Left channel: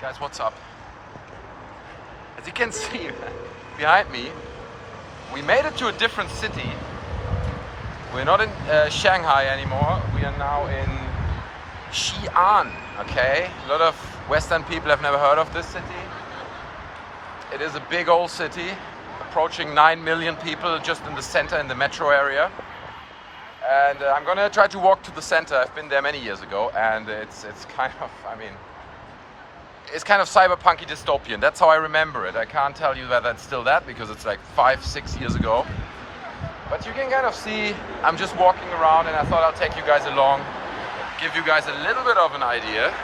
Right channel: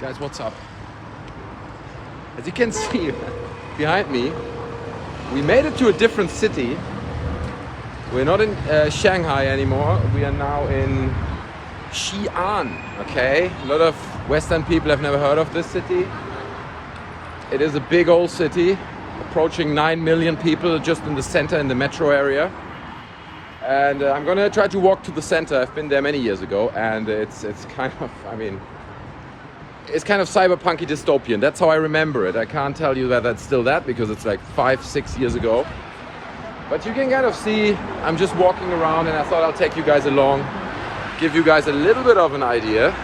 Guys, what's up? As you can see behind me, we made it to a different city. We're not in Shanghai anymore. We are now in Xi'an, okay? A lot of Western people have never heard of this city. It is a big old city, approaching 9 million people just in the center, in the metro area. And I'm gonna try to walk to the center. I've been there many years ago, and it's kind of, I mean, it's kind of cyberpunky dystopian. That's how I remember it. I can't tell you that that's still that because it's like 5-6 years ago. But you can kind of see, I'm just walking around and I thought I'll take you guys along, give you guys a little bit of an idea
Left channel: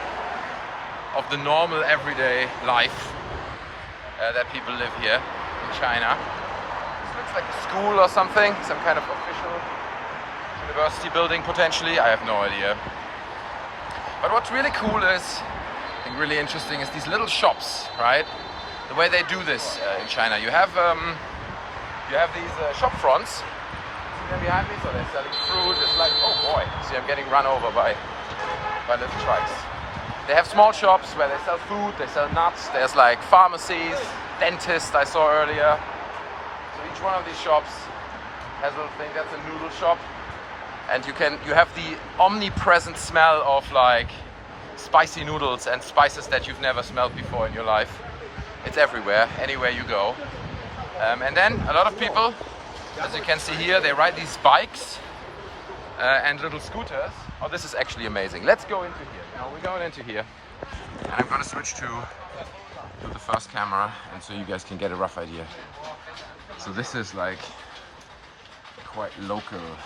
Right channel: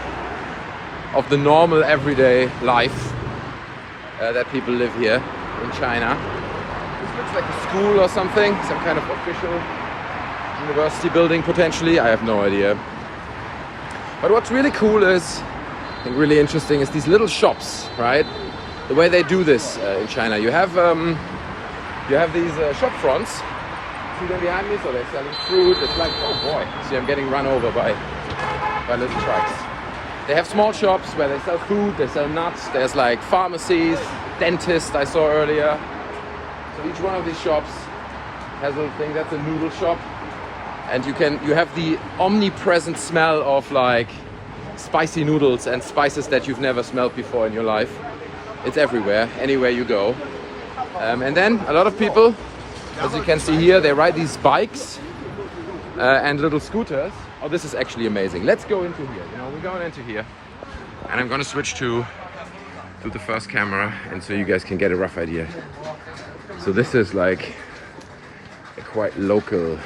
of the normal everyday life that people live here in China. This looks like a school or something, some kind of official university building potentially. I have no idea. But what's really cool is, I think really interesting, is these little shops, right? The way they do this in China. You have these Shopfronts. See them behind me? So they're selling fruit. It's like, oh boy, see I'm getting run over by little trucks. They have small shops where they sell food, they sell nuts. There's like pharmacies, dentists I saw earlier. So each one of these shops has a little thing. That's a noodle shop. And you have the omnipresent smell of like spicy noodles and spices that you've never smelled before in your life. It's everywhere, anywhere you go. And then a lot of people, as you can see here, they ride these bikes and little scooters. Oh, this is actually amazing. Let's go into here. You know, we're going into here. And I'm gonna switch to the first camera, and so you guys can get a rough idea. So this is like a quite local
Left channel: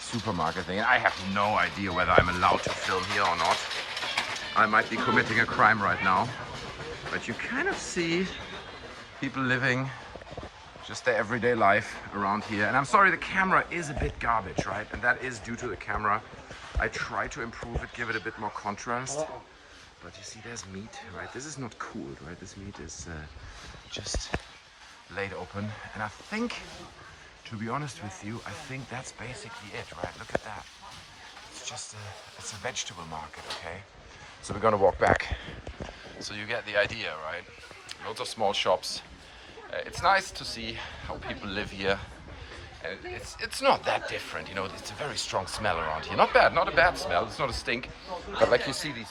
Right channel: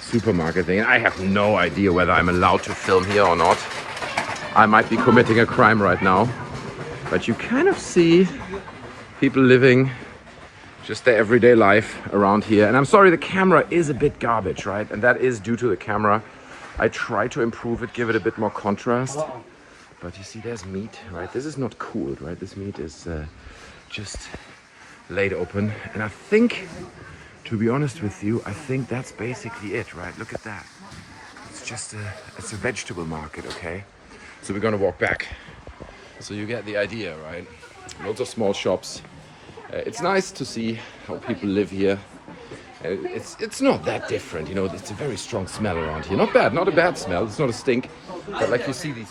supermarket thing. I have no idea whether I'm allowed to film here or not. I might be committing a crime right now. But you kind of see people living just their everyday life around here. And I'm sorry, the camera is a bit garbage, right? And that is due to the camera. I try to improve it, give it a bit more contrast. But you see, there's meat, right? This is not cooled, right? This meat is just laid open. And I think, to be honest with you, I think that's basically it, right? Look at that. It's just it's a vegetable market, okay? So we're gonna walk back. So you get the idea, right? Lots of small shops. It's nice to see how people live here. It's not that different, you know. It's a very strong smell around here. Not bad, not a bad smell. It's not a stink, but like you see these.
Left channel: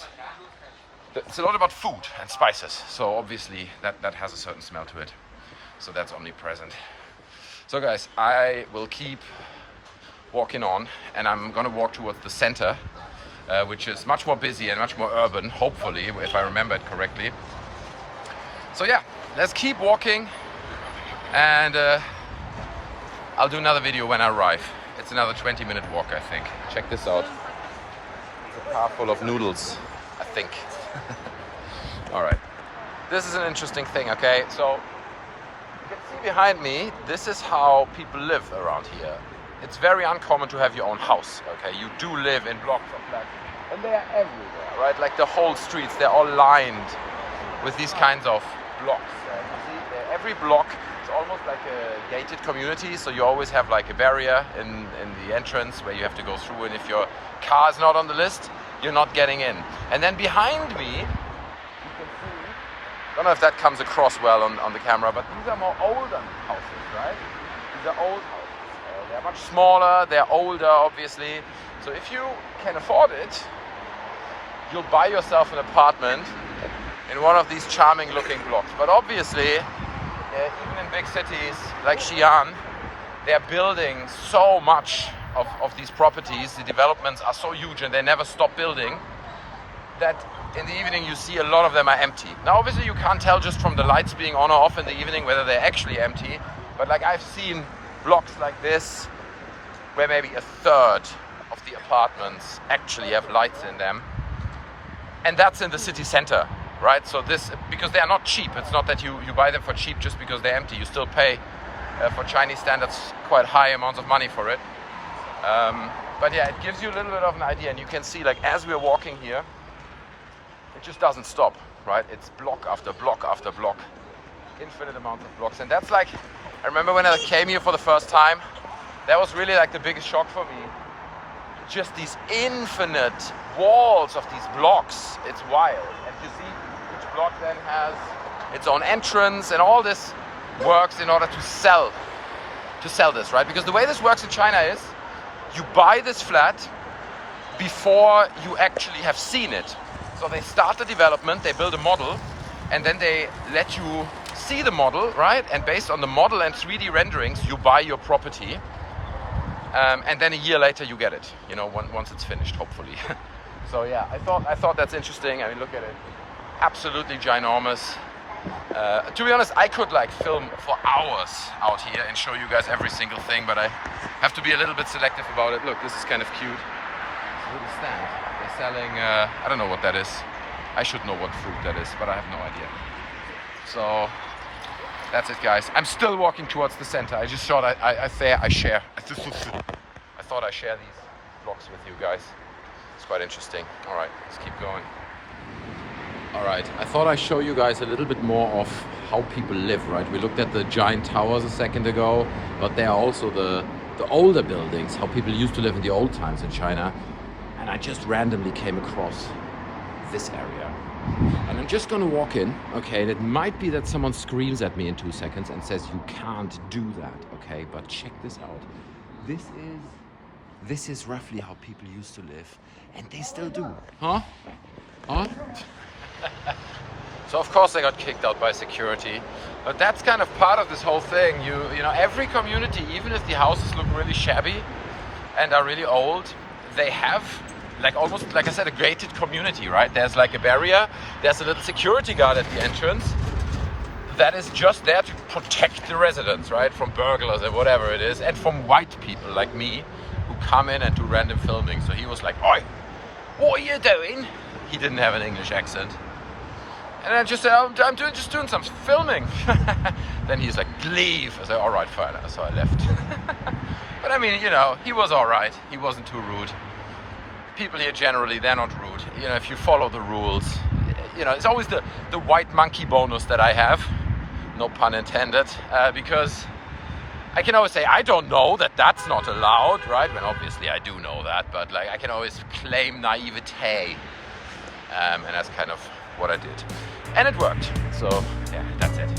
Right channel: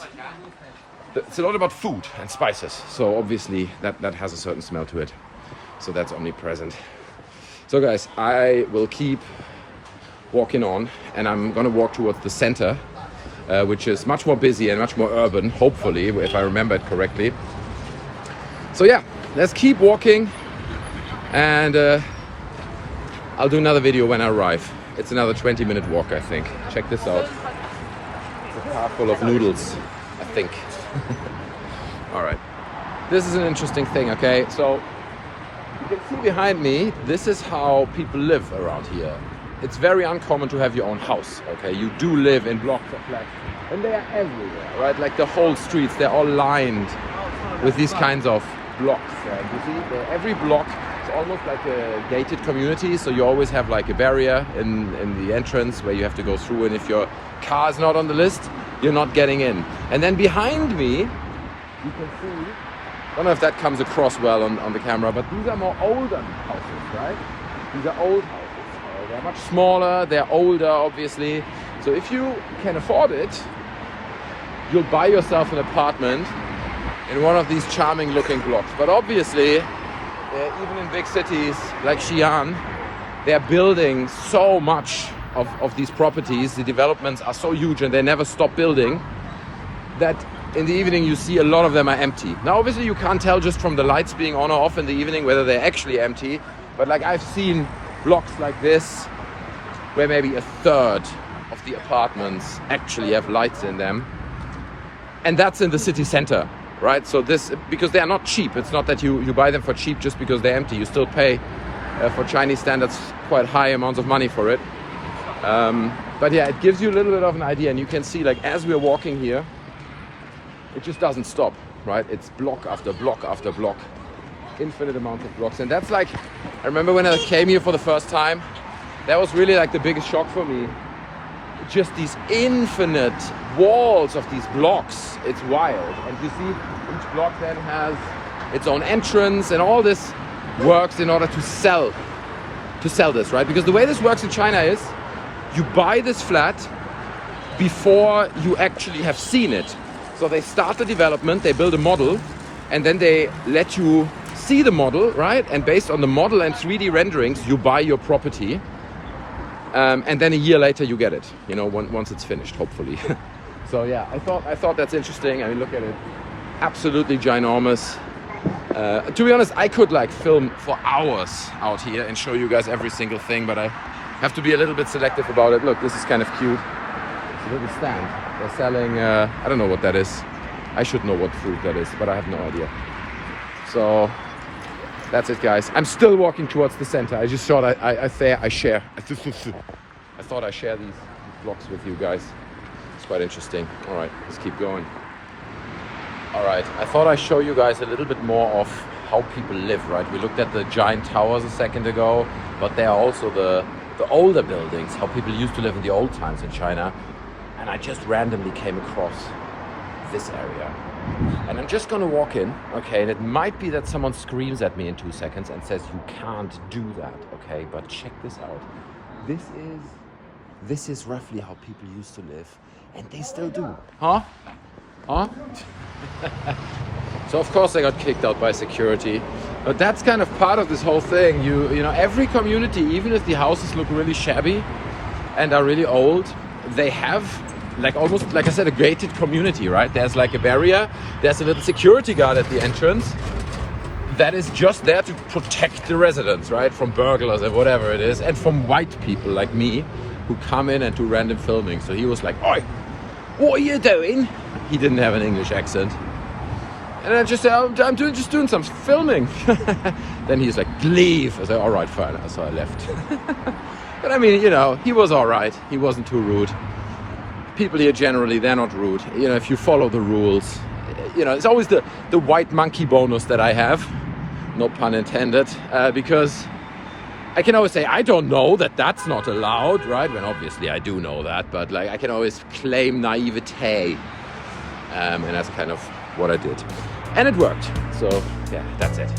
It's a lot about food and spices. So obviously that has a certain smell to it. So that's omnipresent. So guys, I will keep walking on, and I'm gonna walk towards the center, which is much more busy and much more urban, hopefully, if I remember it correctly. So yeah, let's keep walking, and I'll do another video when I arrive. It's another 20-minute walk, I think. Check this out. It's a car full of noodles, I think. All right. This is an interesting thing, okay? So you can see behind me, this is how people live around here. It's very uncommon to have your own house, okay? You do live in blocks of flats, and they are everywhere, right? Like the whole streets, they're all lined with these kinds of blocks. And you see, every block is almost like a gated community, so you always have like a barrier in the entrance where you have to go through, and if your car is not on the list, you're not getting in. And then behind me, you can see, I don't know if that comes across well on the camera, but these are more older houses, right? These are old houses. They're much smaller, they're older, obviously. So if you can afford it, you'll buy yourself an apartment in one of these charming looking blocks. But obviously, even in big cities like Xi'an, they're building so much of these properties. The developments are so huge and they never stop building, that in the evening you see a lot of them are empty. Now obviously you can't tell just from the lights being on or off in the evening whether they're actually empty, but like I've seen blocks like this where maybe a third of the apartments actually have lights in them, and that's in the city center, right? So this, because they are not cheap. It's not that you buy them for cheap just because they're empty. You still pay for Chinese standards quite high amounts of money for it. But yeah, it gives you a little bit of an idea, and you can see, like, as we're walking here, it just doesn't stop, right? It's block after block after block, infinite amounts of blocks. And that's like, I remember when I came here for the first time, that was really like the biggest shock for me. just these infinite walls of these blocks. It's wild. And you see each block then has its own entrance, and all this works in order to sell this, right? Because the way this works in China is you buy this flat before you actually have seen it. So they start the development, they build a model, and then they let you see the model, right? And based on the model and 3D renderings, you buy your property. And then a year later you get it, you know, once it's finished, hopefully. So yeah, I thought that's interesting. I mean, look at it, absolutely ginormous. To be honest, I could like film for hours out here and show you guys every single thing, but I have to be a little bit selective about it. Look, this is kind of cute. It's a little stand. They're selling, I don't know what that is. I should know what food that is, but I have no idea. So that's it, guys. I'm still walking towards the center. I just thought I thought I'd share these vlogs with you guys. It's quite interesting. All right, let's keep going. All right, I thought I'd show you guys a little bit more of how people live, right? We looked at the giant towers a second ago, but there are also the older buildings, how people used to live in the old times in China. And I just randomly came across this area. And I'm just gonna walk in, okay? And it might be that someone screams at me in 2 seconds and says, you can't do that, okay? But check this out. This is roughly how people used to live, and they still do. Huh? So of course I got kicked out by security, but that's kind of part of this whole thing. You know, every community, even if the houses look really shabby and are really old, they have like almost, like I said, a gated community, right? There's like a barrier, there's a little security guard at the entrance that is just there to protect the residents, right? From burglars or whatever it is, and from white people like me who come in and do random filming. So he was like, "Oi, what are you doing?" He didn't have an English accent. And I just said, I'm just doing some filming. Then he's like, leave. I said, all right, fine. So I left. But I mean, you know, he was all right. He wasn't too rude. People here generally, they're not rude. You know, if you follow the rules, you know, it's always the white monkey bonus that I have. No pun intended. Because I can always say, I don't know that that's not allowed, right? When obviously I do know that, but like I can always claim naivete. And that's kind of what I did. And it worked. So yeah, that's it.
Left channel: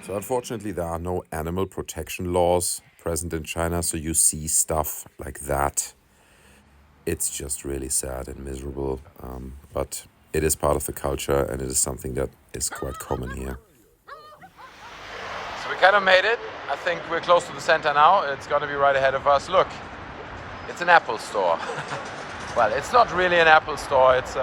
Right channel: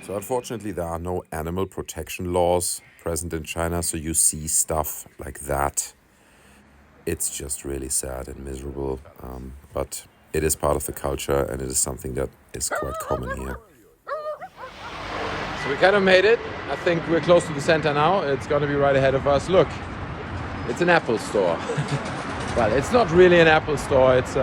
So unfortunately, there are no animal protection laws present in China, so you see stuff like that. It's just really sad and miserable, but it is part of the culture, and it is something that is quite common here. So we kind of made it. I think we're close to the center now. It's going to be right ahead of us. Look, it's an Apple store. Well, it's not really an Apple store. It's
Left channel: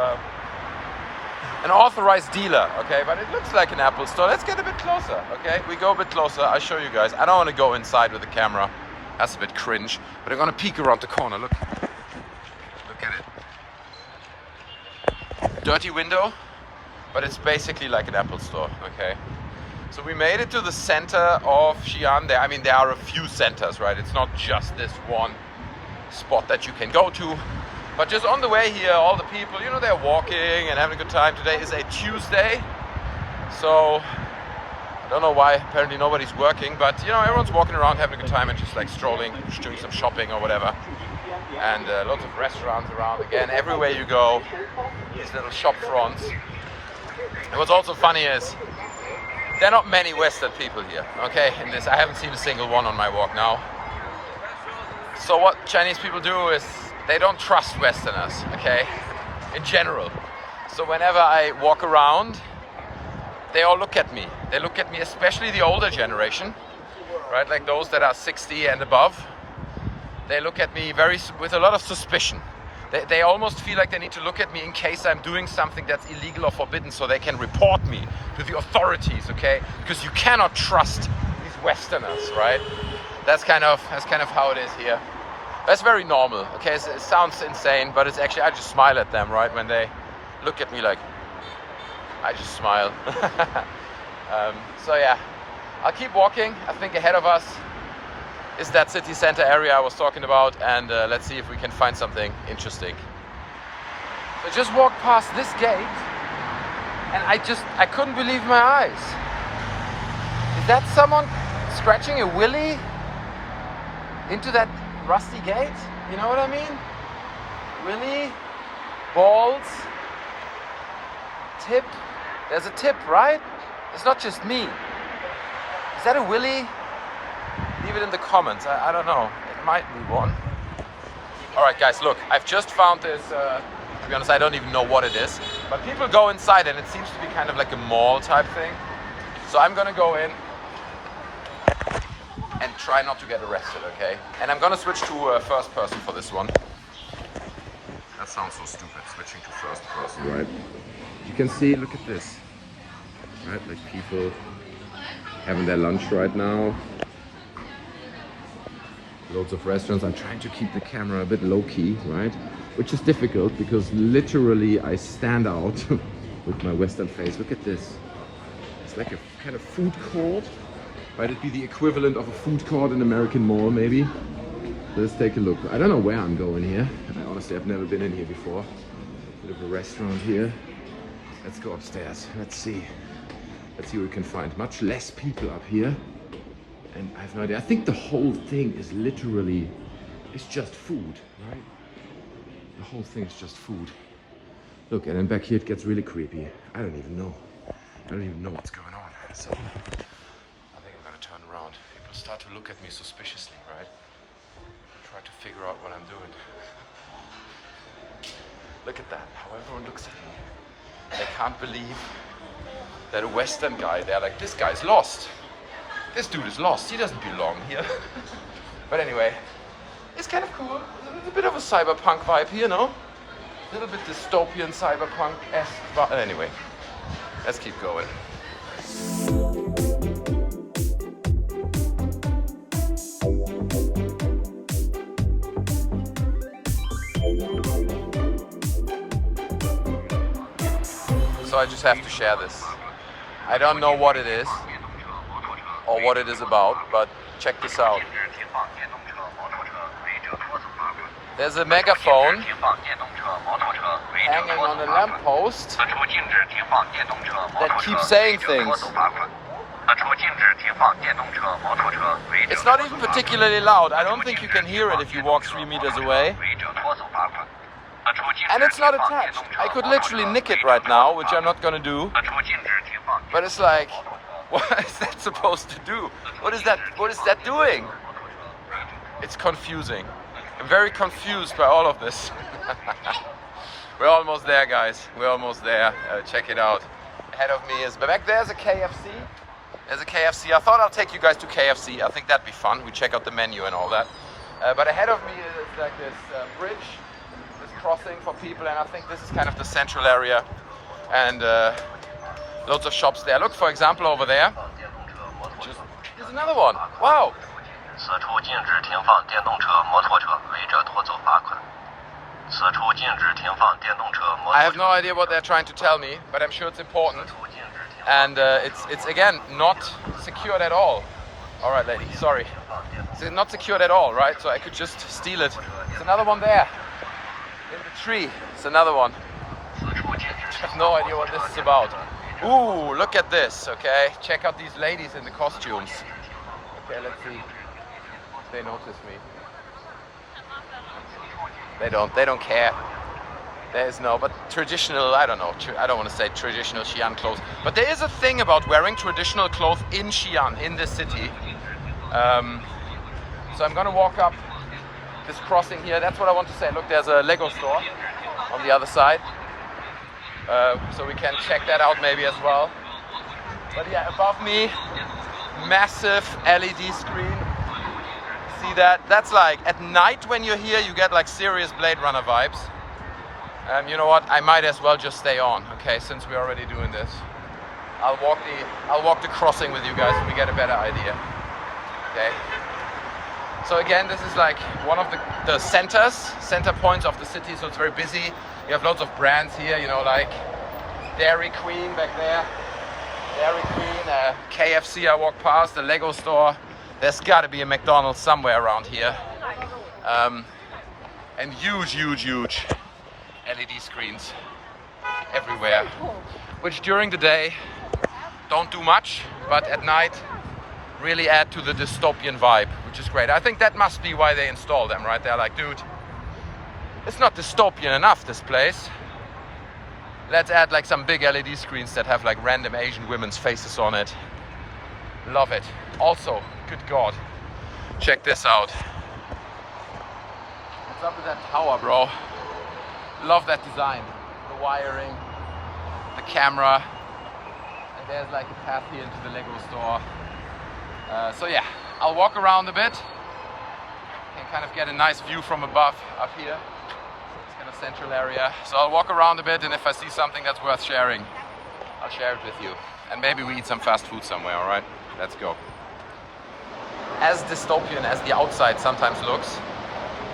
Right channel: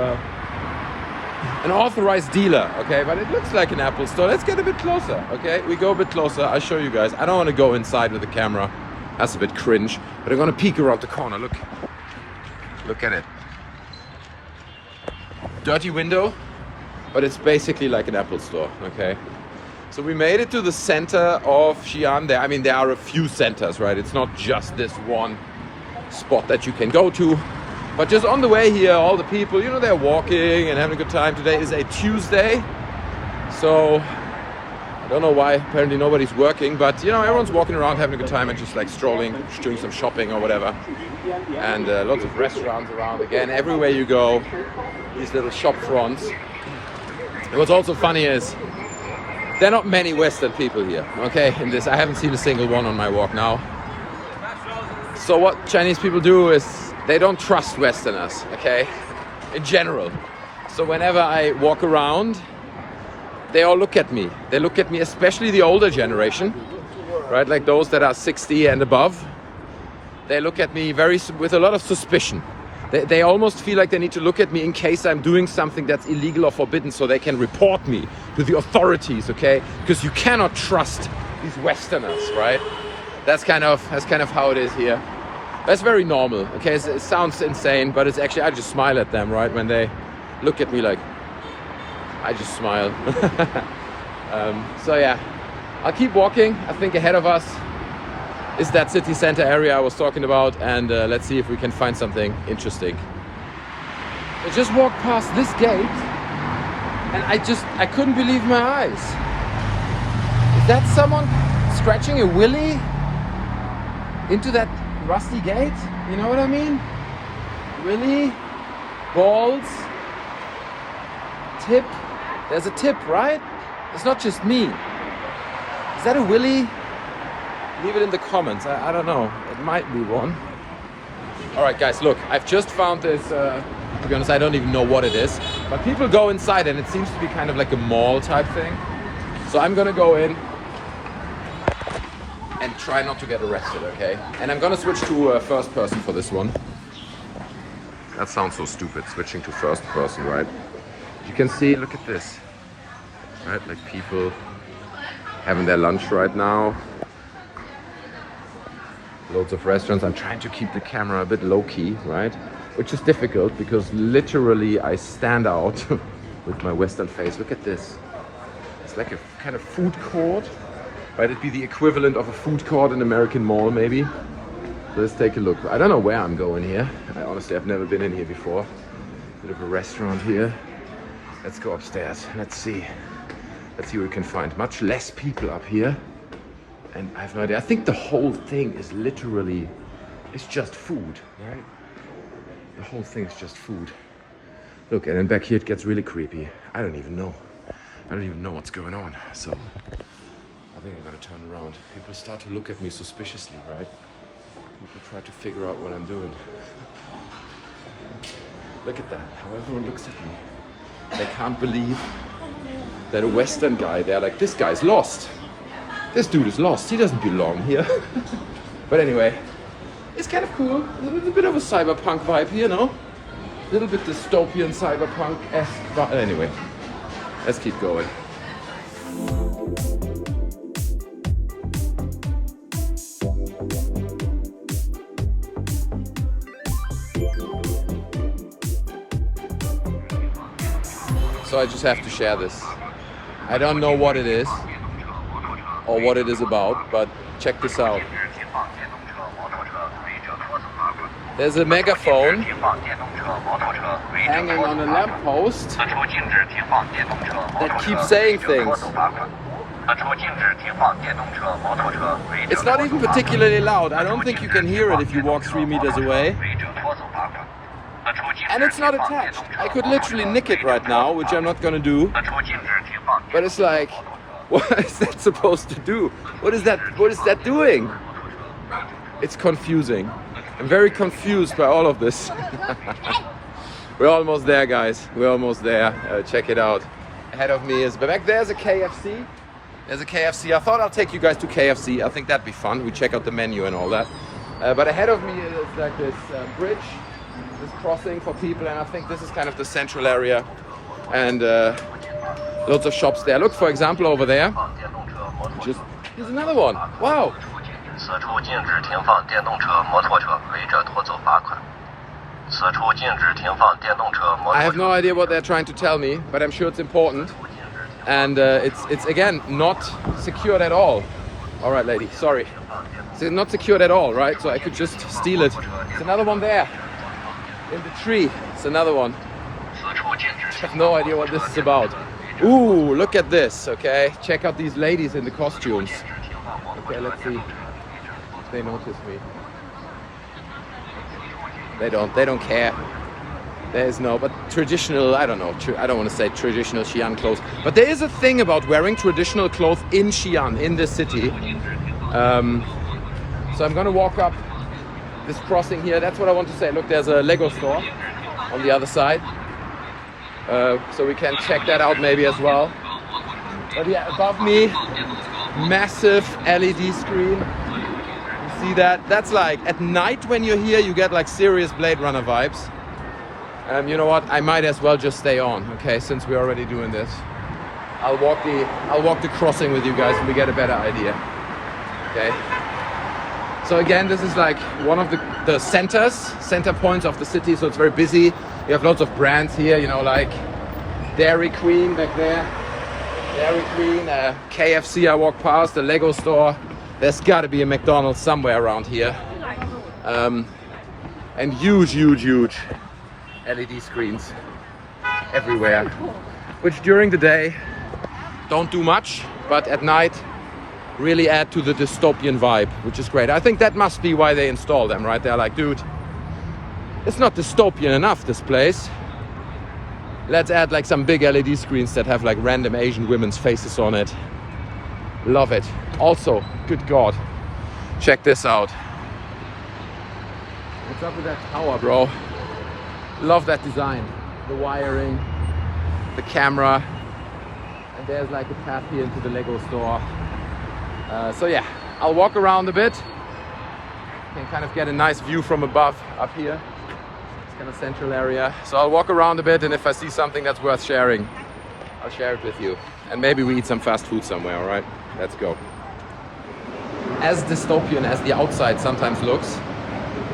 an authorized dealer, okay? But it looks like an Apple store. Let's get a bit closer, okay? We go a bit closer. I'll show you guys. I don't want to go inside with the camera. That's a bit cringe. But I'm going to peek around the corner. Look at it. Dirty window, but it's basically like an Apple store, okay? So we made it to the center of Xi'an. I mean, there are a few centers, right? It's not just this one spot that you can go to. But just on the way here, all the people, you know, they're walking and having a good time. Today is a Tuesday, so I don't know why. Apparently nobody's working, but you know, everyone's walking around having a good time and just like strolling, just doing some shopping or whatever. And lots of restaurants around. Again, everywhere you go, these little shop fronts. And what's also funny is there are not many Western people here, okay? In this, I haven't seen a single one on my walk now. So what Chinese people do is they don't trust Westerners, okay? In general. So whenever I walk around, they all look at me. They look at me, especially the older generation, right? Like those that are 60 and above. They look at me with a lot of suspicion. They almost feel like they need to look at me in case I'm doing something that's illegal or forbidden, so they can report me to the authorities, okay? Because you cannot trust these Westerners, right? That's kind of how it is here. That's very normal, okay? It sounds insane, but it's actually, I just smile at them, right? When they look at me like, I just smile. So yeah, I'll keep walking. I think ahead of us is that city center area I was talking about, and let's see if we can find something interesting. I just walked past this gate and I couldn't believe my eyes. Is that someone scratching a willy into that rusty gate? You know what I mean? Willy, balls, tip. There's a tip, right? It's not just me. Is that a willy? Leave it in the comments. I don't know. It might be one. All right, guys, look. I've just found this. To be honest, I don't even know what it is. But people go inside and it seems to be kind of like a mall type thing. So I'm gonna go in and try not to get arrested, okay? And I'm gonna switch to first person for this one. That sounds so stupid, switching to first person, right? You can see, look at this. Right, like people having their lunch right now. Loads of restaurants. I'm trying to keep the camera a bit low-key, right? Which is difficult because literally I stand out with my Western face. Look at this. It's like a kind of food court. Right, it'd be the equivalent of a food court in an American mall, maybe. Let's take a look. I don't know where I'm going here. Honestly, I've never been in here before. Bit of a restaurant here. Let's go upstairs. Let's see. Let's see what we can find. Much less people up here. And I have no idea. I think the whole thing is literally, it's just food, right? The whole thing is just food. Look, and then back here it gets really creepy. I don't even know. I don't even know what's going on. So I think I'm gonna turn around. People start to look at me suspiciously, right? People try to figure out what I'm doing. Look at that, how everyone looks at me. They can't believe that a Western guy, they're like, this guy's lost. This dude is lost, he doesn't belong here. But anyway, it's kind of cool. It's a bit of a cyberpunk vibe here, no? A little bit dystopian cyberpunk-esque, but anyway, let's keep going. So I just have to share this. I don't know what it is or what it is about, but check this out. There's a megaphone hanging on a lamppost that keeps saying things. It's not even particularly loud. I don't think you can hear it if you walk 3 meters away. And it's not attached. I could literally nick it right now, which I'm not gonna do. But it's like, what is that supposed to do? What is that doing? It's confusing. I'm very confused by all of this. We're almost there, guys. We're almost there. Check it out. Ahead of me is, but back there's a KFC. There's a KFC. I thought I'll take you guys to KFC. I think that'd be fun. We check out the menu and all that. But ahead of me is like this bridge, this crossing for people, and I think this is kind of the central area. And loads of shops there. Look, for example, over there. Here's another one. Wow. I have no idea what they're trying to tell me, but I'm sure it's important. And it's again not secured at all. All right, lady, sorry. It's not secured at all, right? So I could just steal it. There's another one there in the tree. It's another one. I have no idea what this is about. Ooh, look at this, okay? Check out these ladies in the costumes. Okay, let's see. They notice me. They don't care. There's no, but traditional, I don't know, I don't want to say traditional Xi'an clothes, but there is a thing about wearing traditional clothes in Xi'an, in this city. So I'm gonna walk up this crossing here. That's what I want to say. Look, there's a Lego store on the other side. So we can check that out maybe as well. But yeah, above me, massive LED screen. You see that? That's like, at night when you're here, you get like serious Blade Runner vibes. You know what? I might as well just stay on, okay, since we're already doing this. I'll walk the crossing with you guys and we get a better idea. Okay? So again, this is like one of the center points of the city, so it's very busy. You have lots of brands here, you know, like Dairy Queen back there. Dairy Queen, KFC I walk past, the Lego store. There's gotta be a McDonald's somewhere around here. And huge LED screens everywhere, which during the day don't do much, but at night really add to the dystopian vibe, which is great. I think that must be why they install them, right? They're like, dude, it's not dystopian enough, this place. Let's add like some big LED screens that have like random Asian women's faces on it. Love it. Also, good God, check this out. What's up with that tower, bro? Love that design. The wiring, the camera, and there's like a path here into the Lego store. So yeah, I'll walk around a bit. Can kind of get a nice view from above up here. It's kind of central area. So I'll walk around a bit, and if I see something that's worth sharing, I'll share it with you. And maybe we eat some fast food somewhere, all right? Let's go. As dystopian as the outside sometimes looks,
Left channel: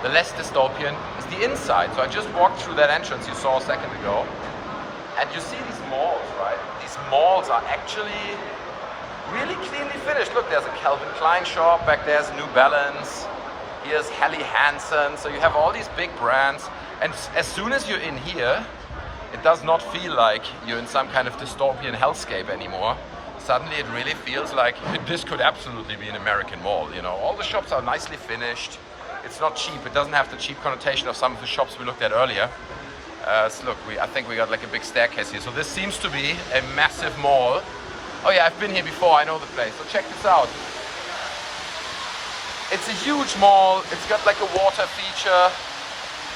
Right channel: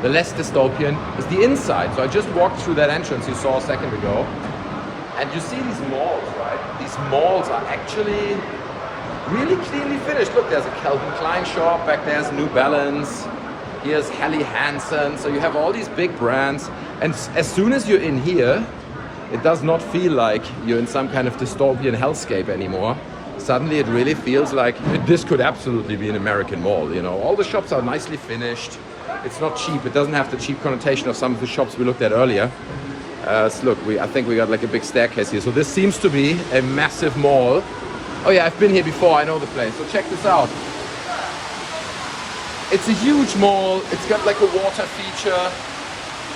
the less dystopian is the inside. So I just walked through that entrance you saw a second ago. And you see these malls, right? These malls are actually really cleanly finished. Look, there's a Calvin Klein shop, back there's New Balance, here's Helly Hansen. So you have all these big brands, and as soon as you're in here, it does not feel like you're in some kind of dystopian hellscape anymore. Suddenly it really feels like this could absolutely be an American mall, you know. All the shops are nicely finished. It's not cheap. It doesn't have the cheap connotation of some of the shops we looked at earlier. So look, I think we got like a big staircase here. So this seems to be a massive mall. Oh yeah, I've been here before, I know the place. So check this out. It's a huge mall, it's got like a water feature.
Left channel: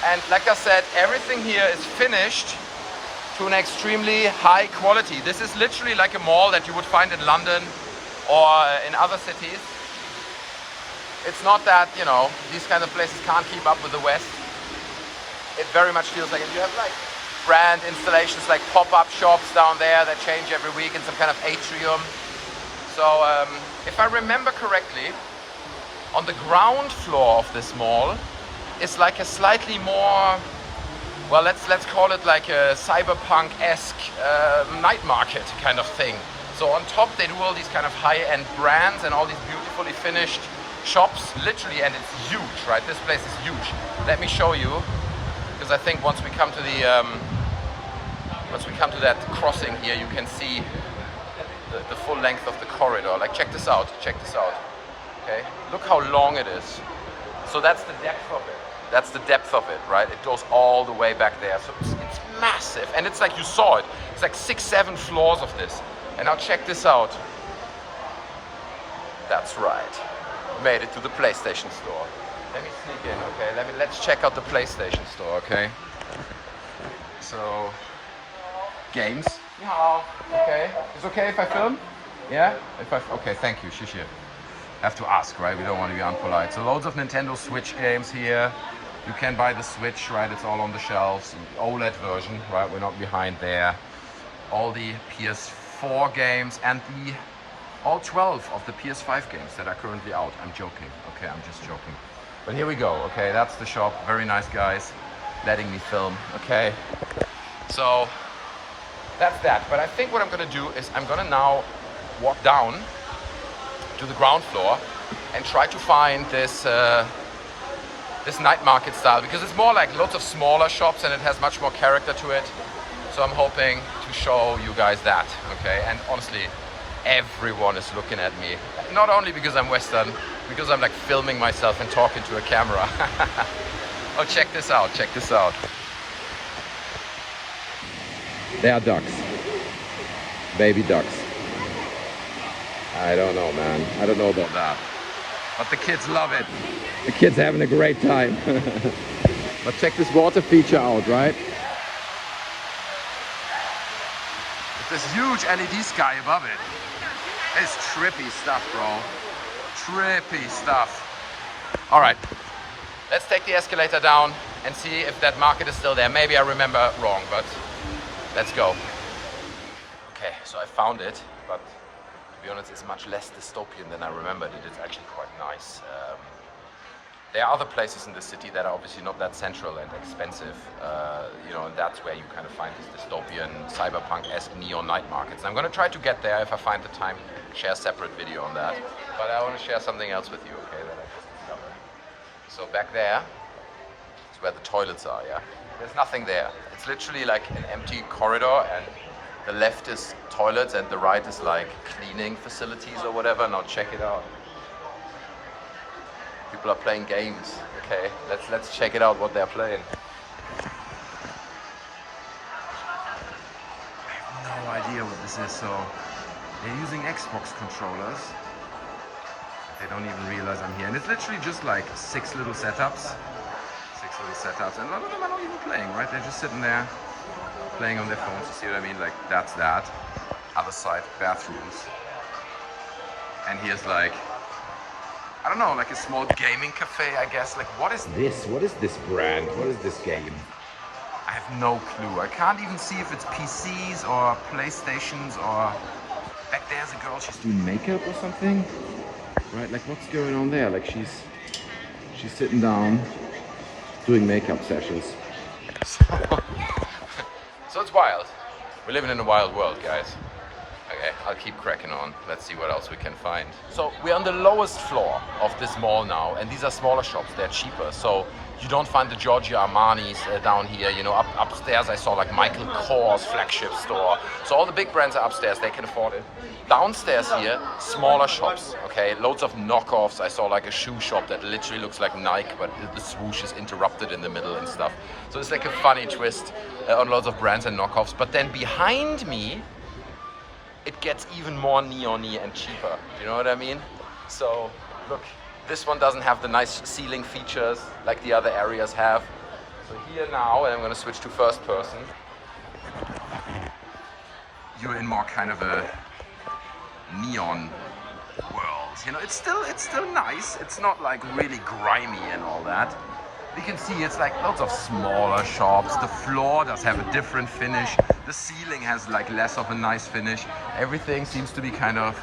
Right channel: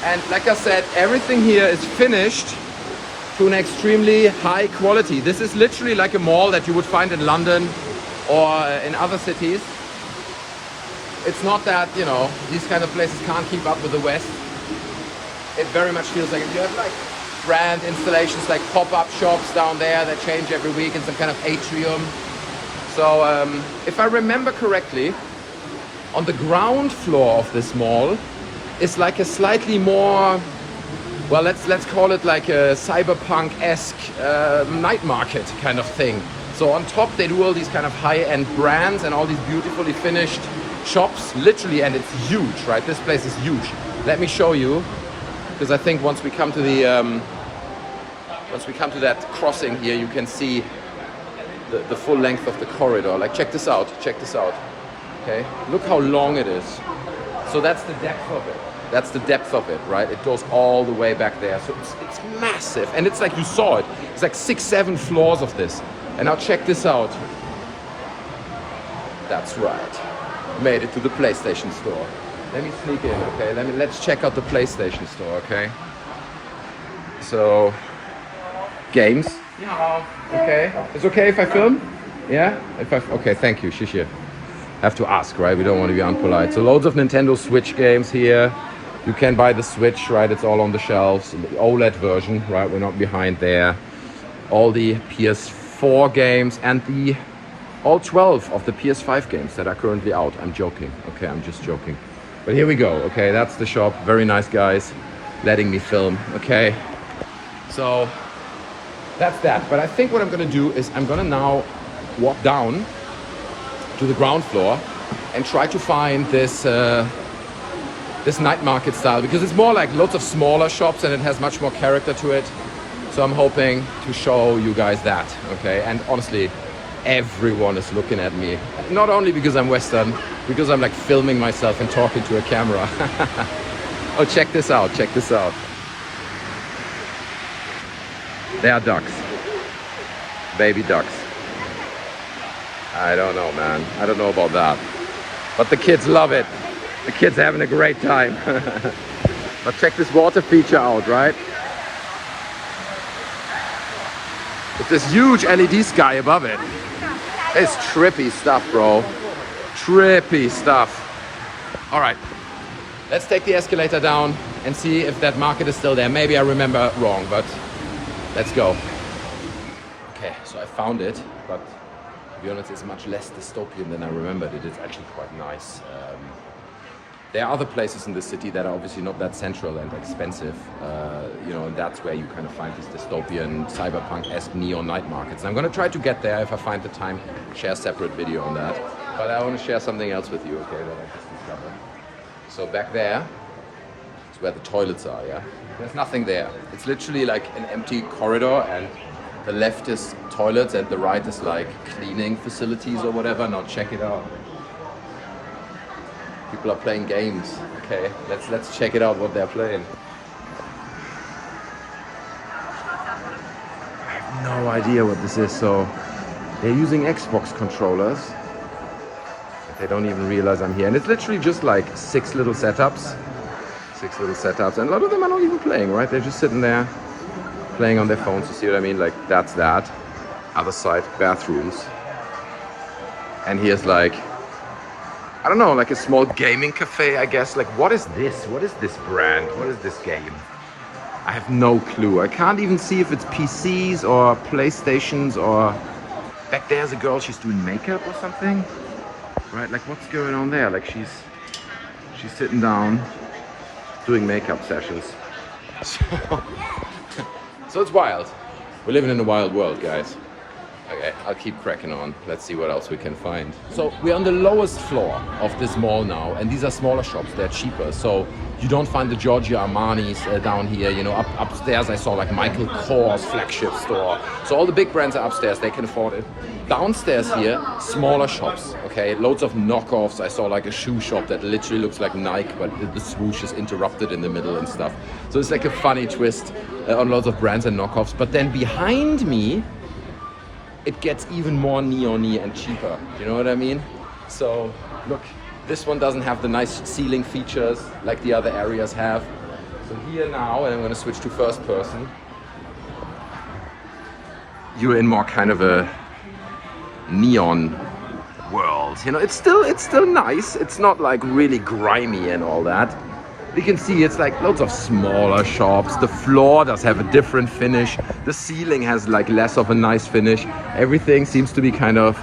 And like I said, everything here is finished to an extremely high quality. This is literally like a mall that you would find in London or in other cities. It's not that, you know, these kind of places can't keep up with the West. It very much feels like you have like brand installations, like pop-up shops down there that change every week in some kind of atrium. So if I remember correctly, on the ground floor of this mall is like a slightly more, well, let's call it like a cyberpunk-esque night market kind of thing. So on top they do all these kind of high-end brands and all these beautifully finished shops, literally, and it's huge, right? This place is huge. Let me show you, because I think once we come to the that crossing here, you can see the full length of the corridor. Like, check this out, okay? Look how long it is. So that's the depth of it. That's the depth of it, right? It goes all the way back there. So it's massive. And it's like, you saw it. It's like 6-7 floors of this. And now check this out. That's right. Made it to the PlayStation store. Let me sneak in, okay? Let's check out the PlayStation store, okay? So, games. Yeah. Okay. It's okay if I film? Yeah? Okay, thank you. Shishir. Have to ask, right? We don't want to be unpolite. So loads of Nintendo Switch games here. You can buy the Switch, right? It's all on the shelves. The OLED version, right? We're not behind there. All the PS4 games and all 12 of the PS5 games that are currently out. I'm joking. Okay, I'm just joking. But here we go. Okay, that's the shop. Very nice guys letting me film. Okay. So that's that. But I think what I'm gonna do is I'm gonna now walk down to the ground floor and try to find this this night market style, because it's more like lots of smaller shops and it has much more character to it. So I'm hoping to show you guys that, okay? And honestly, everyone is looking at me. Not only because I'm Western, because I'm like filming myself and talking to a camera. Oh, check this out, check this out. They are ducks. Baby ducks. I don't know, man. I don't know about that. But the kids love it. The kids having a great time. But check this water feature out, right? With this huge LED sky above it. It's trippy stuff, bro. Trippy stuff. All right, let's take the escalator down and see if that market is still there. Maybe I remember wrong, but let's go. Okay, so I found it, but to be honest, it's much less dystopian than I remembered it. It's actually quite nice. There are other places in the city that are obviously not that central and expensive, you know, and that's where you kind of find these dystopian, cyberpunk-esque neon night markets. And I'm gonna try to get there if I find the time, share a separate video on that. But I want to share something else with you, okay, that I just discovered. So back there is where the toilets are, yeah? There's nothing there. It's literally like an empty corridor, and the left is toilets and the right is like cleaning facilities or whatever. Now check it out. People are playing games. Okay, let's check it out what they're playing. I have no idea what this is. So they're using Xbox controllers. They don't even realize I'm here. And it's literally just like six little setups. And a lot of them are not even playing, right? They're just sitting there playing on their phones. You see what I mean? Like that's that. Other side, bathrooms. And here's like, I don't know, like a small gaming cafe, I guess. Like, what is this? What is this brand? What is this game? I have no clue. I can't even see if it's PCs or PlayStations or... Back there's a girl, she's doing makeup or something. Right, like what's going on there? Like she's sitting down doing makeup sessions. So it's wild. We're living in a wild world, guys. Okay, I'll keep cracking on. Let's see what else we can find. So we're on the lowest floor of this mall now, and these are smaller shops. They're cheaper. So you don't find the Giorgio Armani's down here. You know, upstairs I saw like Michael Kors flagship store. So all the big brands are upstairs. They can afford it. Downstairs here, smaller shops. Okay, loads of knockoffs. I saw like a shoe shop that literally looks like Nike, but the swoosh is interrupted in the middle and stuff. So it's like a funny twist on lots of brands and knockoffs. But then behind me, it gets even more neon-y and cheaper. You know what I mean? So look, this one doesn't have the nice ceiling features like the other areas have. So here now, and I'm gonna switch to first person, you're in more kind of a neon world. You know, it's still nice. It's not like really grimy and all that. You can see it's like loads of smaller shops. The floor does have a different finish. The ceiling has like less of a nice finish. Everything seems to be kind of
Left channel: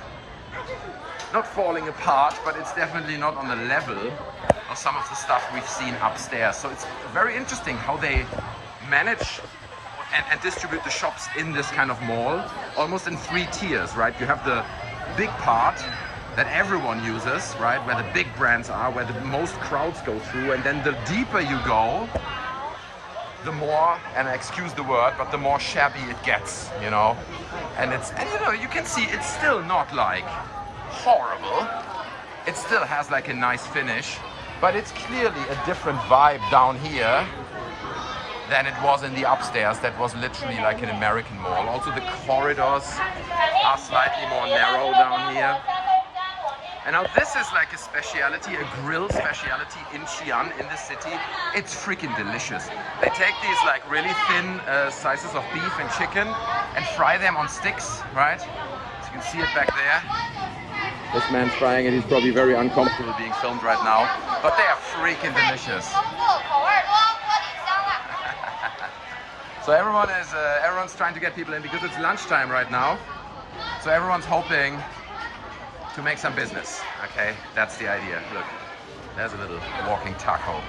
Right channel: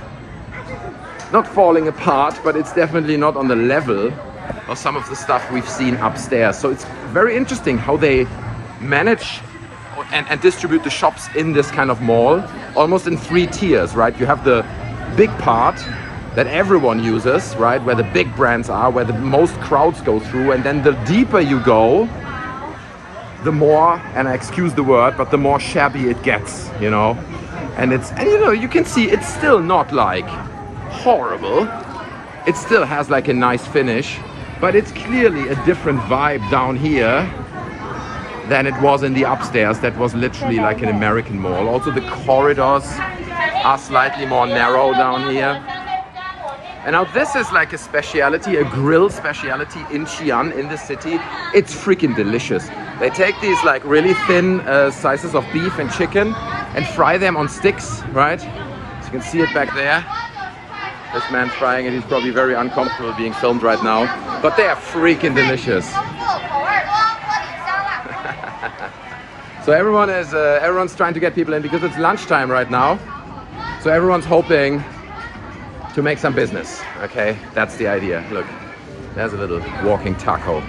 not falling apart, but it's definitely not on the level of some of the stuff we've seen upstairs. So it's very interesting how they manage and distribute the shops in this kind of mall, almost in three tiers, right? You have the big part that everyone uses, right? Where the big brands are, where the most crowds go through. And then the deeper you go, the more, and I excuse the word, but the more shabby it gets, you know? And you know, you can see it's still not like horrible. It still has like a nice finish, but it's clearly a different vibe down here than it was in the upstairs. That was literally like an American mall. Also the corridors are slightly more narrow down here. And now this is like a specialty, a grill specialty in Xi'an, in the city. It's freaking delicious. They take these like really thin slices of beef and chicken and fry them on sticks, right? So you can see it back there. This man's frying it. He's probably very uncomfortable being filmed right now, but they are freaking delicious. So everyone's trying to get people in because it's lunchtime right now. So everyone's hoping to make some business, okay? That's the idea. Look, there's a little walking taco.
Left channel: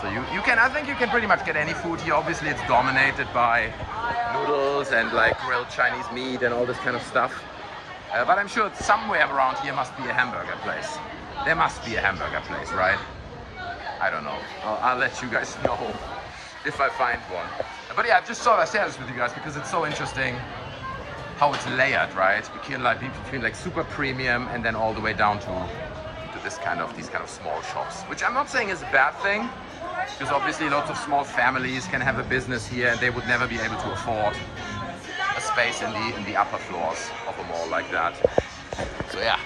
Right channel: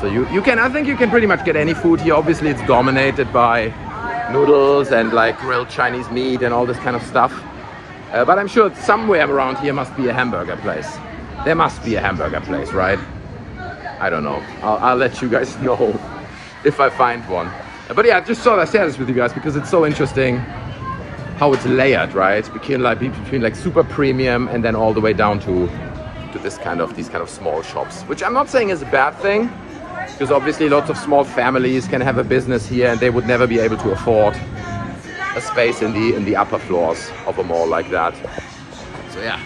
So I think you can pretty much get any food here. Obviously it's dominated by noodles and like grilled Chinese meat and all this kind of stuff. But I'm sure somewhere around here must be a hamburger place. There must be a hamburger place, right? I don't know. I'll let you guys know if I find one. But yeah, I just thought I'd share this with you guys because it's so interesting how it's layered, right? Between like super premium and then all the way down to these kind of small shops, which I'm not saying is a bad thing, because obviously lots of small families can have a business here and they would never be able to afford a space in the upper floors of a mall like that. So yeah,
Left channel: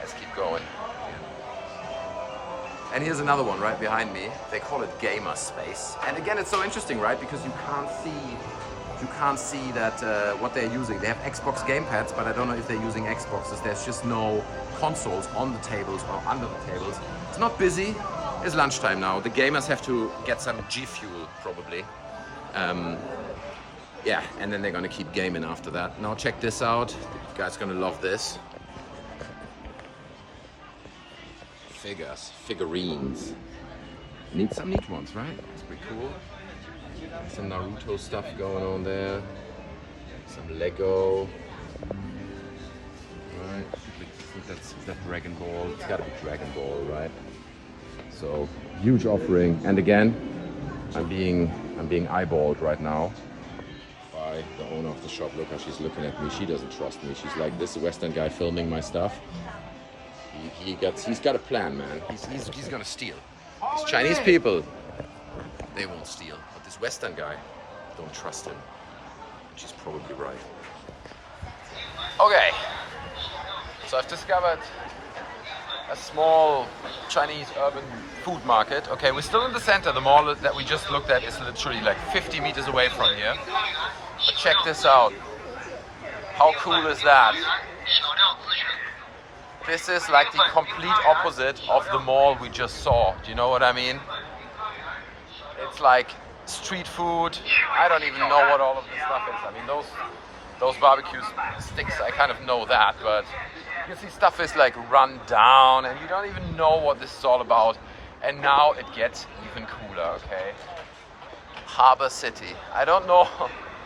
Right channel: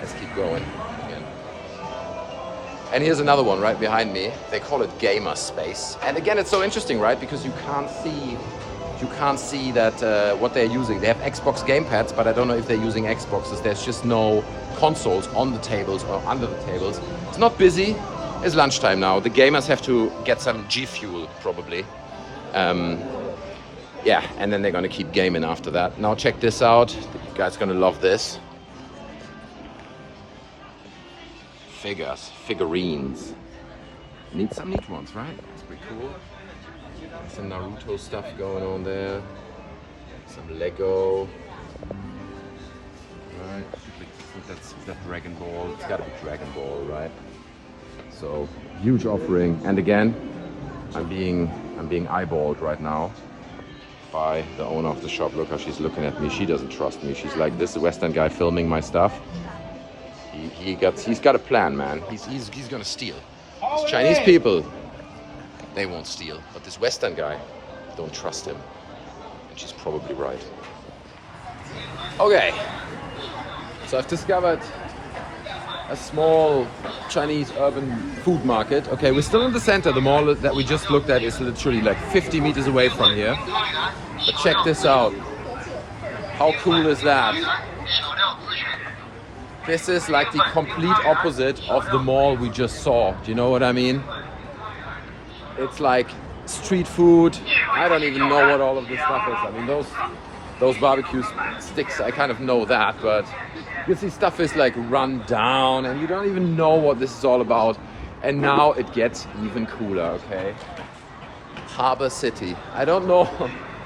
let's keep going again. And here's another one right behind me. They call it gamer space. And again, it's so interesting, right? Because you can't see that what they're using. They have Xbox gamepads, but I don't know if they're using Xboxes. There's just no consoles on the tables or under the tables. It's not busy. It's lunchtime now. The gamers have to get some G Fuel probably. Yeah, and then they're gonna keep gaming after that. Now check this out. You guys are gonna love this. figurines. Need some neat ones, right? It's pretty cool. Some Naruto stuff going on there. Some Lego. Right. I think that's Dragon Ball. It's gotta be Dragon Ball, right? So huge offering. And again, I'm being eyeballed right now by the owner of the shop. Look how she's looking at me. She doesn't trust me. She's like, this Western guy filming my stuff. He's got a plan, man. He's gonna steal. These Chinese people, they won't steal. But this Western guy, don't trust him. And she's probably right. Okay. So I've discovered a small Chinese urban food market. Okay, we're still in the center. The mall that we just looked at is literally like 50 meters away from here. But check this out. How cool is that? This is like the complete opposite of the mall we just saw. Do you know what I mean? It's like street food. I don't even know what all of this stuff is. I mean, those barbecue sticks, I kind of know that, but you can see stuff is like run down and you don't even know what this is all about. And now it gets even cooler, okay? Harbor City. I don't know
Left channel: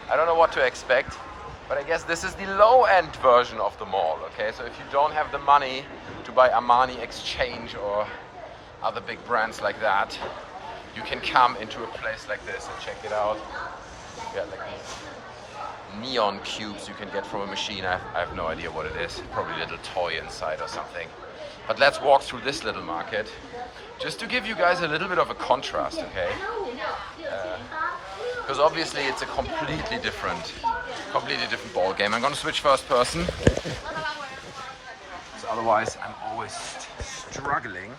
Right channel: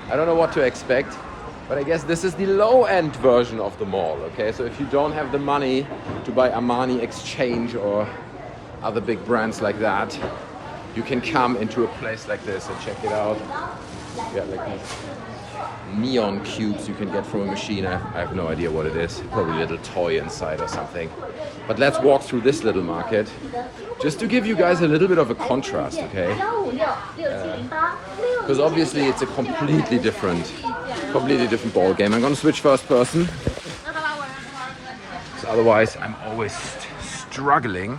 what to expect, but I guess this is the low-end version of the mall, okay? So if you don't have the money to buy Armani Exchange or other big brands like that, you can come into a place like this and check it out. You got like these neon cubes you can get from a machine. I have no idea what it is. Probably a little toy inside or something. But let's walk through this little market just to give you guys a little bit of a contrast, okay? Because obviously it's a completely different ball game. I'm gonna switch first person. So otherwise I'm always struggling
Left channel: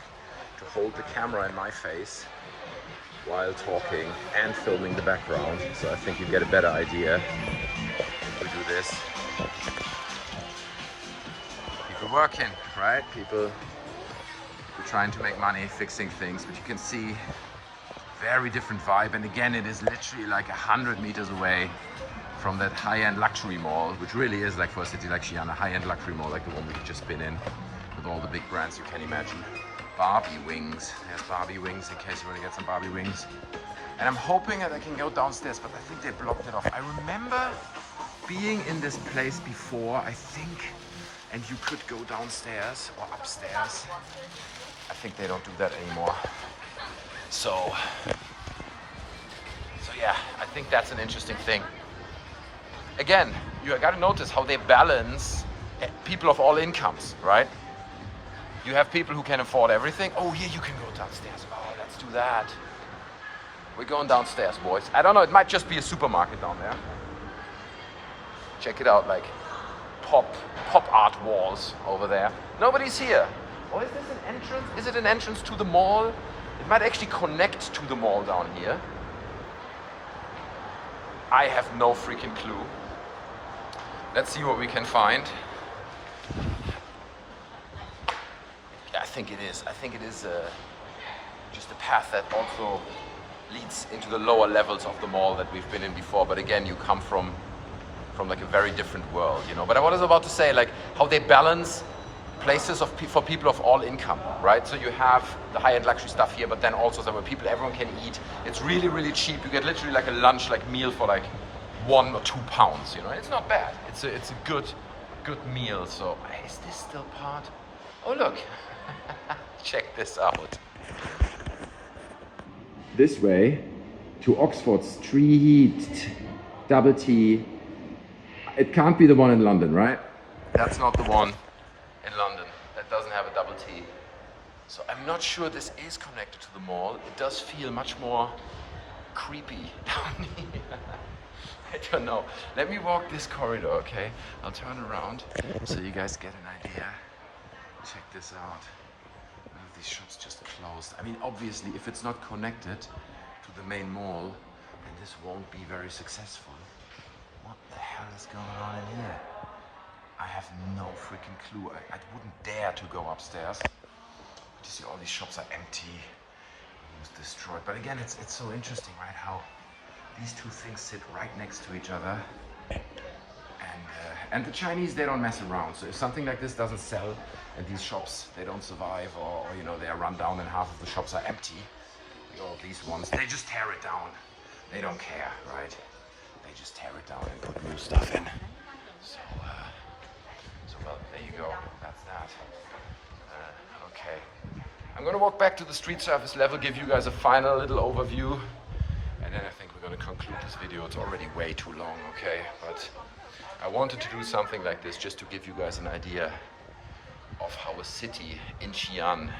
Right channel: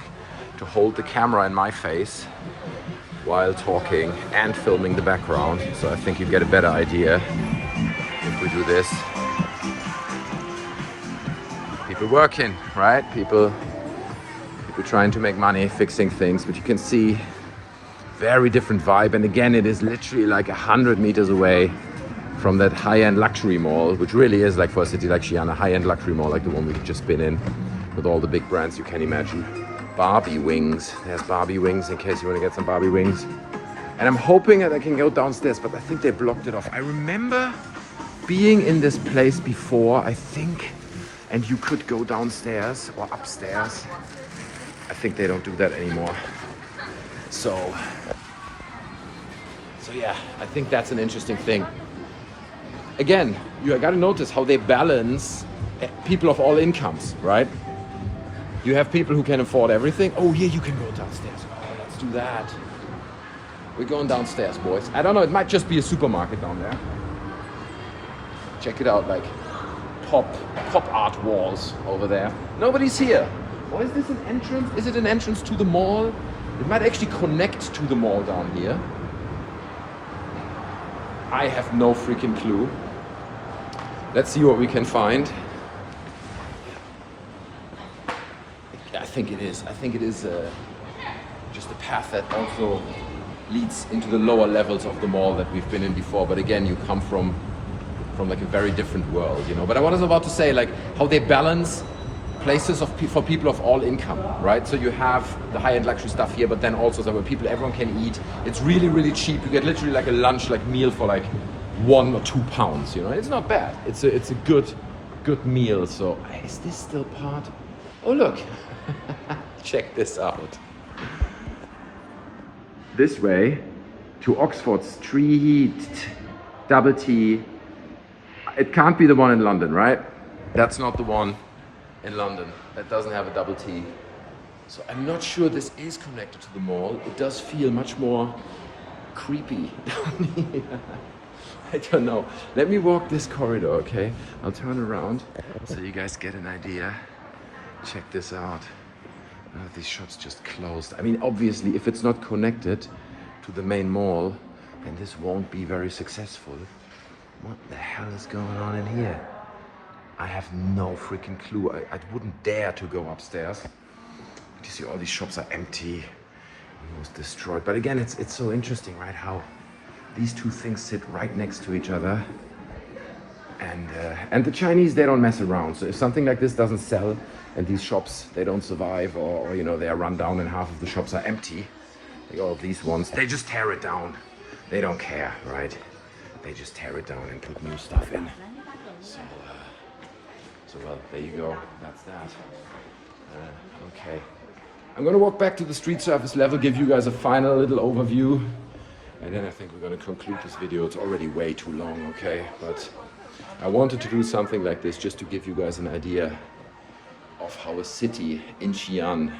to hold the camera in my face while talking and filming the background. So I think you get a better idea if we do this. People working, right? People trying to make money, fixing things, but you can see very different vibe. And again, it is literally like 100 meters away from that high-end luxury mall, which really is like for a city like Xi'an, a high-end luxury mall like the one we've just been in, with all the big brands you can imagine. Barbie wings. There's Barbie wings in case you want to get some Barbie wings. And I'm hoping that I can go downstairs, but I think they blocked it off. I remember being in this place before, I think, and you could go downstairs or upstairs. I think they don't do that anymore. So yeah, I think that's an interesting thing. Again, you got to notice how they balance people of all incomes, right? You have people who can afford everything. Oh, yeah, you can go downstairs. Oh, let's do that. We're going downstairs, boys. I don't know, it might just be a supermarket down there. Check it out, like pop art walls over there. Nobody's here. Or is this an entrance? Is it an entrance to the mall? It might actually connect to the mall down here. I have no freaking clue. Let's see what we can find. I think it is. I think it is just a path that also leads into the lower levels of the mall that we've been in before. But again, you come from like a very different world, you know. But I was about to say, like, how they balance places for people of all income, right? So you have the high-end luxury stuff here, but then also so where everyone can eat. It's really, really cheap. You get literally like a lunch, like meal for like £1 or £2, you know. It's not bad. It's a good meal. So is this still part? Oh look, check this out. This way to Oxford Street, double T. It can't be the one in London, right? That's not the one in London. That doesn't have a double T. So I'm not sure this is connected to the mall. It does feel much more creepy down here. I don't know. Let me walk this corridor, okay? I'll turn around so you guys get an idea. Check this out. These shops just closed. I mean, obviously, if it's not connected to the main mall, then this won't be very successful. What the hell is going on in here? I have no freaking clue. I wouldn't dare to go upstairs. You see all these shops are empty, almost destroyed. But again, it's so interesting, right? How these two things sit right next to each other. And the Chinese, they don't mess around. So if something like this doesn't sell and these shops, they don't survive, or you know, they are run down and half of the shops are empty, like all of these ones, they just tear it down. They don't care, right? They just tear it down and put new stuff in. So well, there you go. That's that. Okay. I'm gonna walk back to the street surface level, give you guys a final little overview, and then I think we're gonna conclude this video. It's already way too long, okay? But I wanted to do something like this just to give you guys an idea of how a city in Xi'an,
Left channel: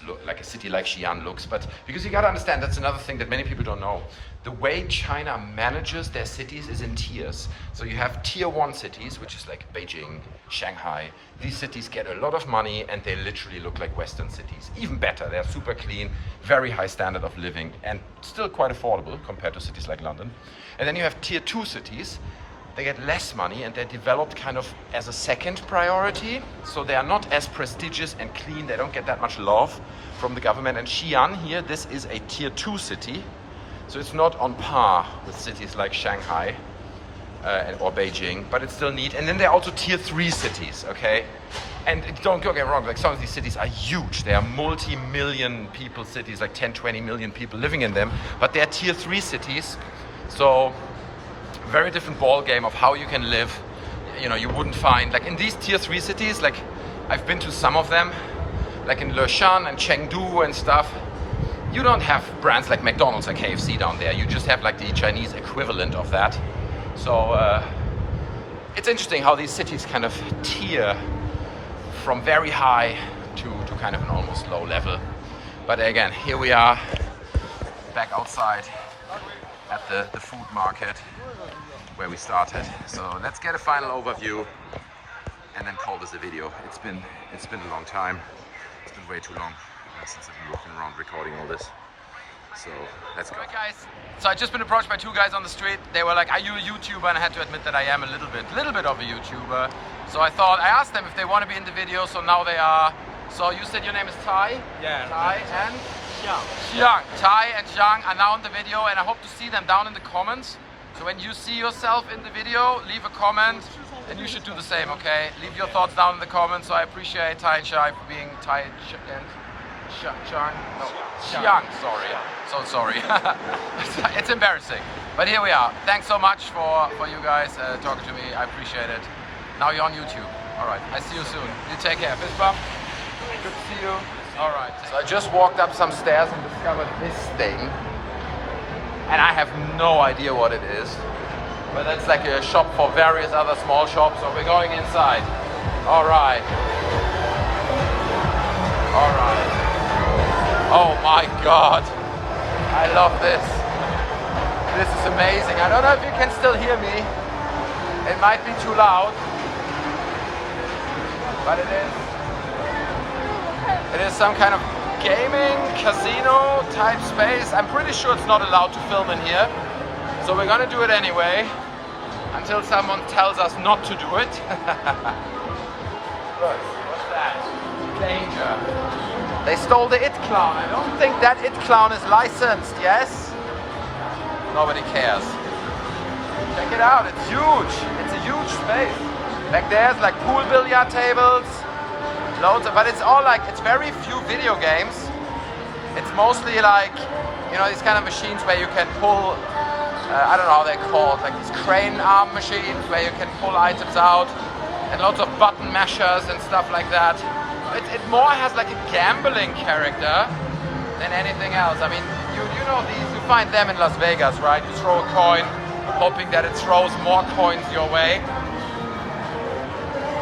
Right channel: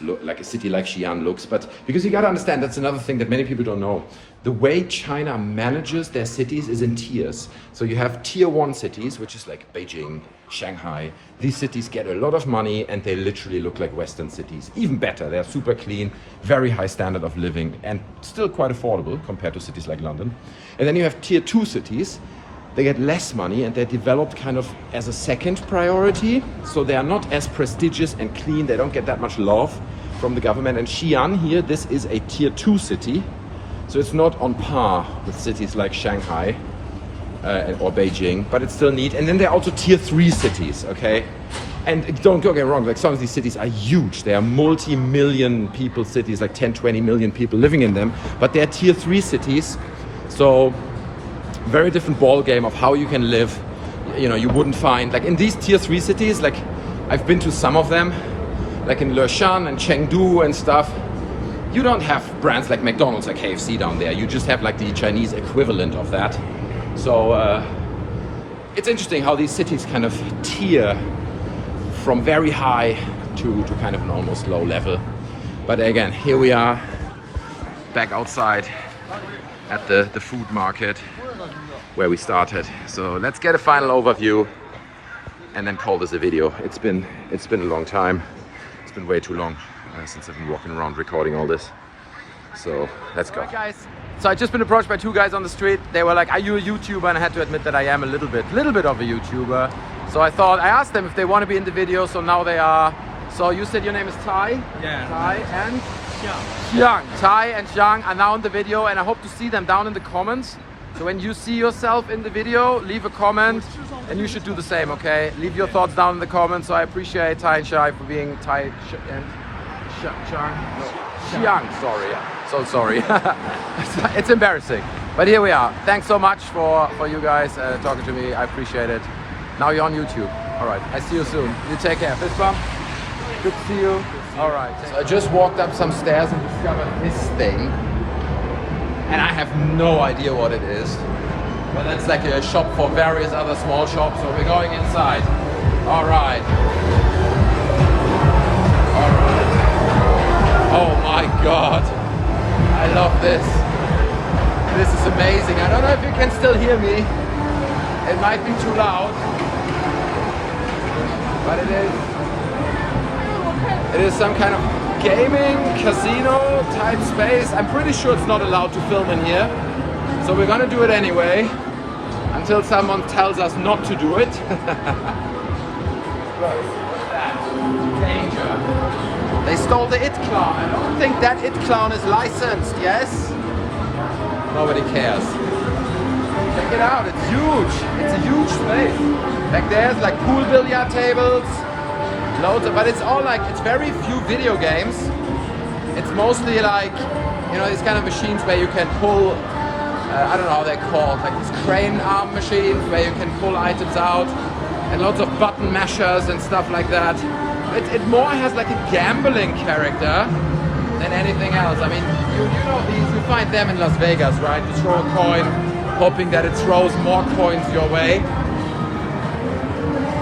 like a city like Xi'an looks. But because you gotta understand, that's another thing that many people don't know. The way China manages their cities is in tiers. So you have tier 1 cities, which is like Beijing, Shanghai. These cities get a lot of money and they literally look like Western cities. Even better, they're super clean, very high standard of living, and still quite affordable compared to cities like London. And then you have tier 2 cities. They get less money and they're developed kind of as a second priority. So they are not as prestigious and clean. They don't get that much love from the government. And Xi'an here, this is a tier 2 city. So it's not on par with cities like Shanghai or Beijing, but it's still neat. And then there are also tier 3 cities, okay? And don't get me wrong, like some of these cities are huge. They are multi-million people cities, like 10, 20 million people living in them. But they're tier 3 cities. So very different ball game of how you can live. You know, you wouldn't find, like in these tier 3 cities, like I've been to some of them, like in Xi'an and Chengdu and stuff. You don't have brands like McDonald's, like KFC down there. You just have like the Chinese equivalent of that. So it's interesting how these cities kind of tier from very high to kind of an almost low level. But again, here we are back outside at the food market where we started. So let's get a final overview and then call this a video. It's been a long time. It's been way too long since I've been walking around recording all this. So let's go. All right, guys. So I've just been approached by 2 guys on the street. They were like, "Are you a YouTuber?" And I had to admit that I am a little bit of a YouTuber. So I asked them if they want to be in the video. So now they are. So you said your name is Tai? Yeah. Tai and Xiang. Tai and Xiang are now in the video, and I hope to see them down in the comments. So when you see yourself in the video, leave a comment, and you should do the same, okay? Leave your thoughts down in the comments. So I appreciate Tai and Zhai for being Tai and Xiang, sorry. So sorry. It's embarrassing. But here we are. Thanks so much for you guys talking to me. I appreciate it. Now you're on YouTube. All right, I see you soon. You take care. Fist bump. Good to see you. All right. So I just walked up some stairs and discovered this thing. And I have no idea what it is. But it's like a shop for various other small shops. So we're going inside. All right. All right. Oh my God. I love this. This is amazing. I don't know if you can still hear me. It might be too loud. But it is some kind of gaming casino type space. I'm pretty sure it's not allowed to film in here. So we're gonna do it anyway until someone tells us not to do it. Danger. They stole the It Clown. I don't think that It Clown is licensed, yes? Nobody cares. Check it out, it's huge. It's a huge space. Like there's like pool billiard tables, loads of, but it's all like, it's very few video games. It's mostly like, you know, these kind of machines where you can pull, I don't know how they're called, like these crane arm machines where you can pull items out, and loads of button mashers and stuff like that. It more has like a gambling character than anything else. I mean, you know these, you find them in Las Vegas, right? You throw a coin, hoping that it throws more coins your way.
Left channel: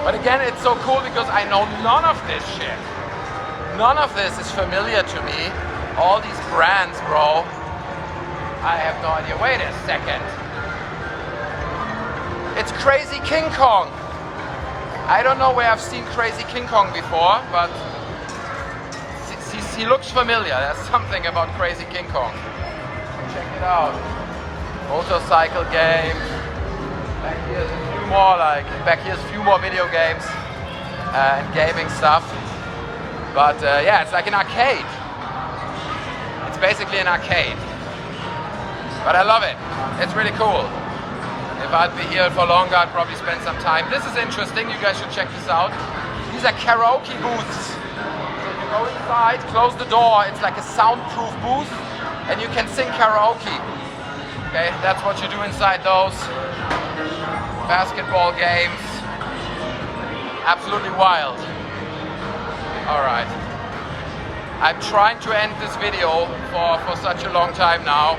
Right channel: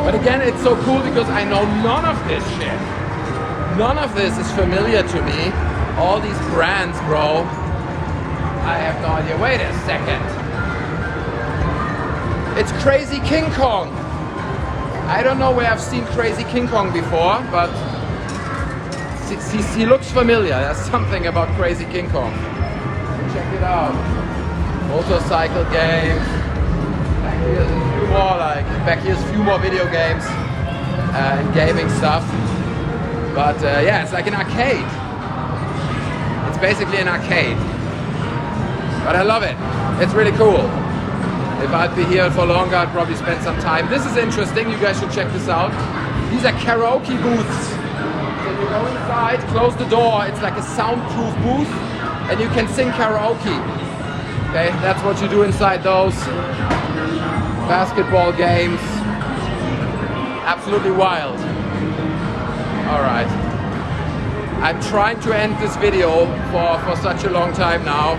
But again, it's so cool because I know none of this shit. None of this is familiar to me. All these brands, bro. I have no idea. Wait a second. It's Crazy King Kong. I don't know where I've seen Crazy King Kong before, but he looks familiar. There's something about Crazy King Kong. Check it out. Motorcycle games. Back here's a few more video games and gaming stuff. But yeah, it's like an arcade. It's basically an arcade. But I love it. It's really cool. If I'd be here for longer, I'd probably spend some time. This is interesting, you guys should check this out. These are karaoke booths. So you go inside, close the door, it's like a soundproof booth, and you can sing karaoke. Okay, that's what you do inside those. Basketball games. Absolutely wild. All right. I'm trying to end this video for such a long time now,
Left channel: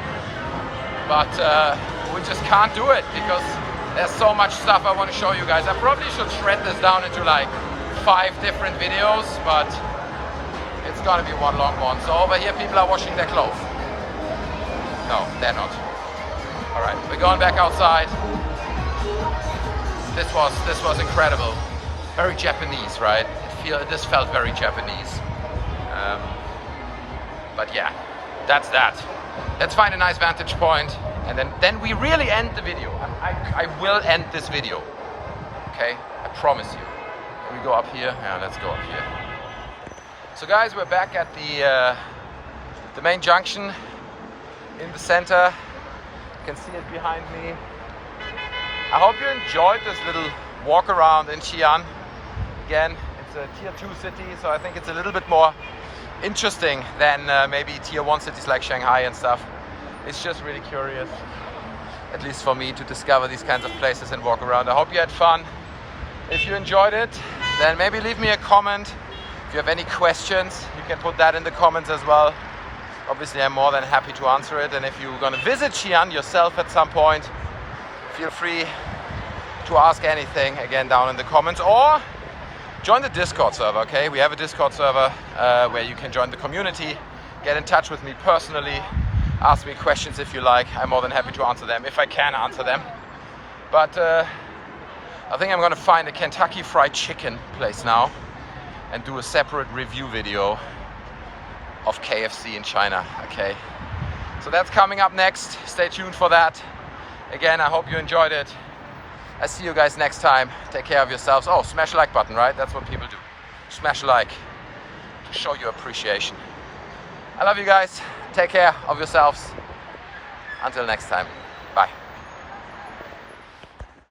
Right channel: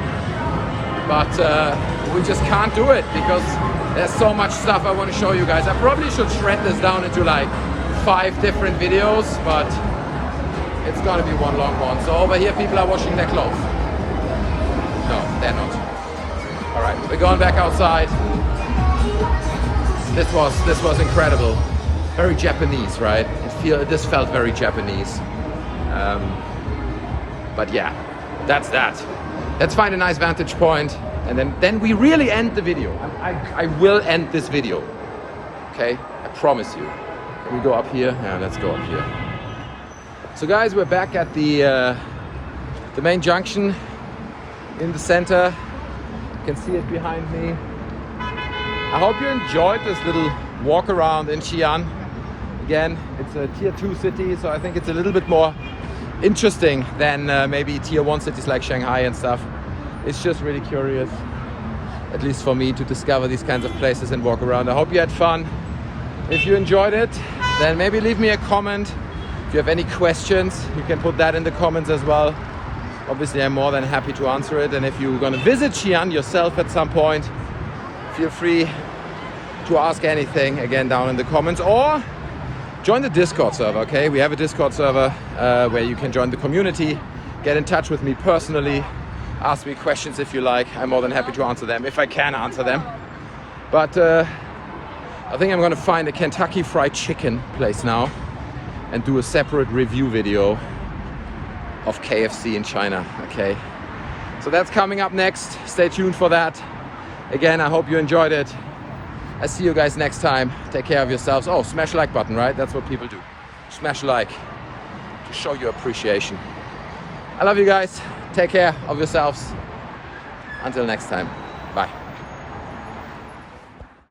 but we just can't do it because there's so much stuff I want to show you guys. I probably should shred this down into like 5 different videos, but it's gonna be one long one. So over here people are washing their clothes. No, they're not. All right, we're going back outside. This was incredible. Very Japanese, right? This felt very Japanese. But yeah, that's that. Let's find a nice vantage point, and then we really end the video. I will end this video. Okay, I promise you. Can we go up here? Yeah, let's go up here. So guys, we're back at the main junction in the center. You can see it behind me. I hope you enjoyed this little walk around in Xi'an. Again, it's a tier 2 city, so I think it's a little bit more interesting than maybe tier 1 cities like Shanghai and stuff. It's just really curious, at least for me, to discover these kinds of places and walk around. I hope you had fun. If you enjoyed it, then maybe leave me a comment. If you have any questions, you can put that in the comments as well. Obviously, I'm more than happy to answer it. And if you're gonna visit Xi'an yourself at some point, feel free to ask anything again down in the comments, or join the Discord server, okay? We have a Discord server where you can join the community, get in touch with me personally, ask me questions if you like. I'm more than happy to answer them, if I can answer them. But I think I'm gonna find a Kentucky Fried Chicken place now and do a separate review video of KFC in China, okay? So that's coming up next. Stay tuned for that. Again, I hope you enjoyed it. I see you guys next time. Take care of yourselves. Oh, smash like button, right? That's what people do. Smash like to show your appreciation. I love you guys. Take care of yourselves. Until next time. Bye.